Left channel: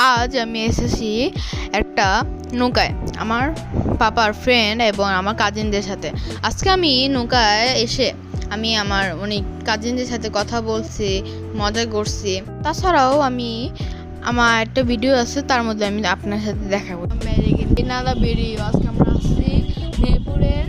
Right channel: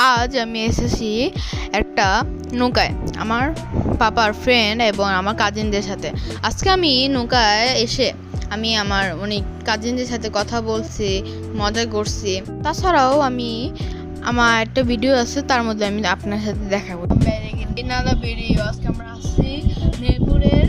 আজ আমি এসেছি একটা নৌকায় আমার পাপার ফ্রেন্ড এবং আমার কাজিনদের সাথে। আজকে আমি নৌকায় এসে আমি আমার অনেক কাজিনদের সাথে কথা বলছি, মজা করছি। তাছাড়াও আমি আমার একটা ভিডিও আছে, তার মধ্যে আমি আপনার সাথে দেখাবো। আজকে আমরা আসছি মিরপুরের